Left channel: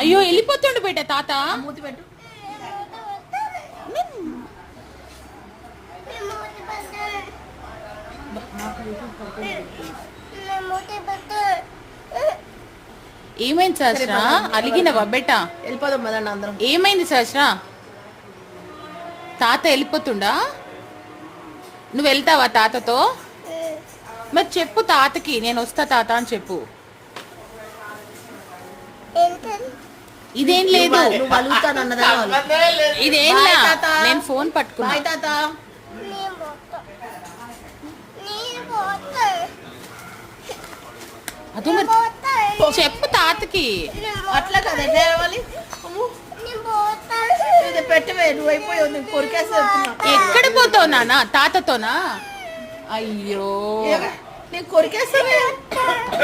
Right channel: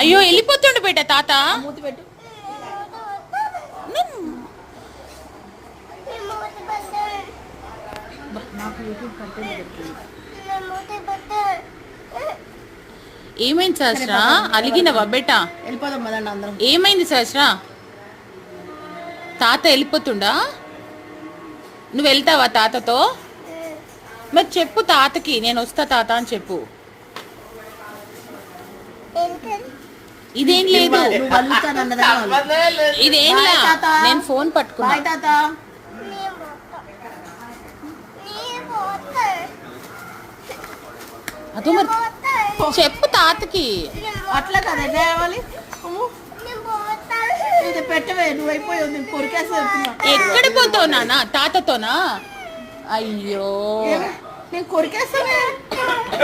అయ్యో వెళ్ళిపోతుండు బేట తాత. ఏమైంది సహస్ర? అలిగినవా బేట? వెళ్ళిపోదాం మదండి అందరం. ఏమైంది సహస్ర? తాత వెళ్ళిపోతుండా? నువ్వు వెళ్తావా తాతతో? మరి చెప్పు తాతకి నేను వస్తా తాత అని చెప్పు. ఇదేం లేదు, ఇదేం నేను ఫోన్ పట్టుకున్నా. అదే మరి చెప్పు తాతకి. అట్లా కదా పెట్టవే, నువ్వు అయిపోయావు. కొరికేస్తా. ఎక్కడ పోతావు నాన్న? తాతతోనా? అయ్యో నేను కొరికేస్తా.